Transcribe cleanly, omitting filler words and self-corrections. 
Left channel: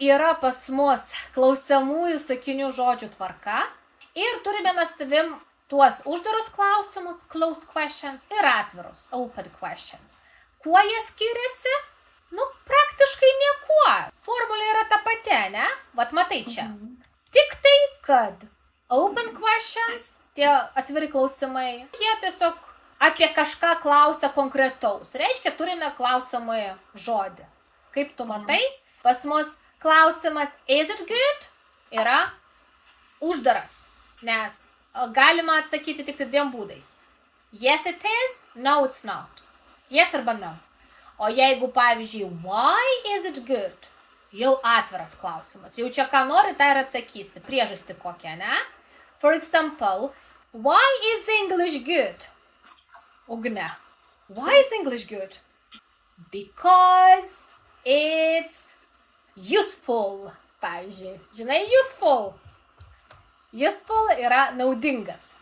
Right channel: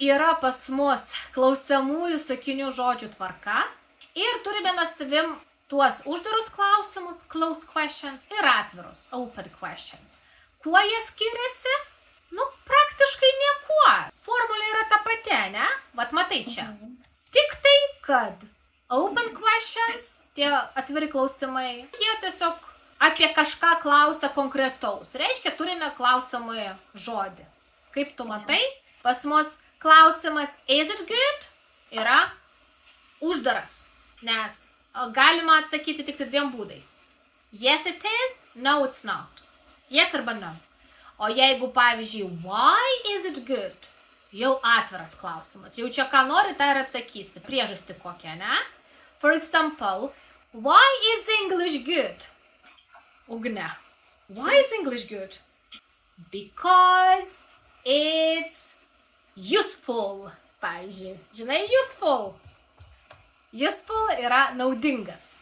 yra pas mus klausiamųjų sakinių žodžių tvarka ir turime mes tavim tuos uždarus klausimus, closed questions, ir atvirus, open questions. Kuo jie skiriasi? Praktiškai niekuo. Formulė yra ta pati, ne? Vat matai čia. Tik tai, kad open questions, tie atviri klausimai, jie tiesiog apie kažką klausia konkretaus. Reiškia, turime klausimą žodį. Kaip tu matai, pas mus klausimas is it good yra uždaras, nes galima atsakyti tik dviem būdais. Yes it is, no it's not. Yes arba no. O jeigu, pavyzdžiui, why is it good? Jau atviras klausimas. Jau čia ką nori, tai ir atsakysi. Priežastį kokią, ne? For example, why is English good? Ugne. Why is English good? Because it's useful. Pavyzdžiui, žinai, useful. Useful yra naudingas.